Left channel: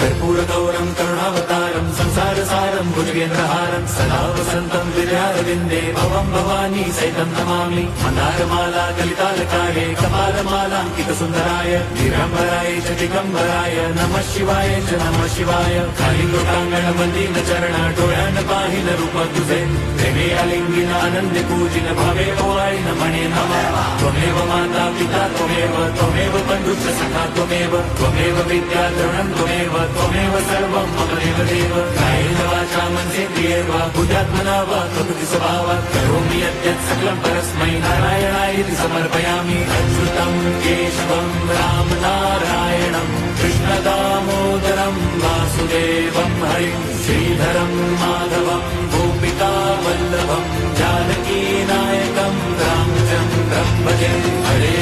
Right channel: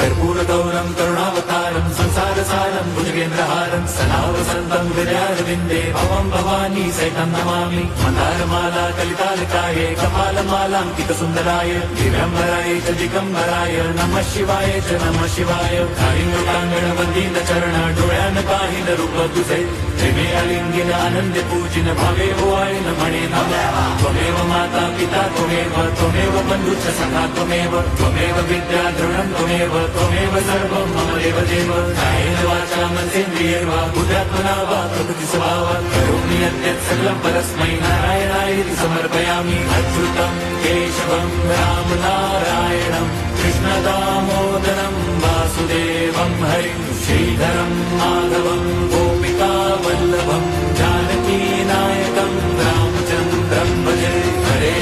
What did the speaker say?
कर्पूरगौरं करुणावतारं संसारसारं भुजगेन्द्रहारं सदा वसन्तं विद्यारविन्दे भवं भवानी सहितं नमामि। मन्दारमाला कलितालकाये कपालमालाङ्कितसुन्दराय दिगम्बराय च दिगम्बराय नमः शिवाय च नमः शिवाय। कालिङ्गोटाङ्गणमन्दिरचरण डोळ्यान पाहिन रूप तुझे प्रेमे अलिंगिन आनंदी पूजिन भावे ओवाळिन म्हणे नमः। त्वमेव माता पिता त्वमेव बन्धुश्च सखा त्वमेव विद्या द्रविणं त्वमेव सर्वं मम देवदेव। कायेन वाचा मनसेन्द्रियैर्वा बुद्ध्यात्मना वा प्रकृति स्वभावात् करोमि यद्यत् सकलं परस्मै नारायणायति समर्पयामि। अच्युतं केशवं राम नारायणं कृष्ण दामोदरं वासुदेवं हरिं श्रीधरं माधवं गोपिका वल्लभं जानकी नायकं रामचन्द्रं भजे। हरे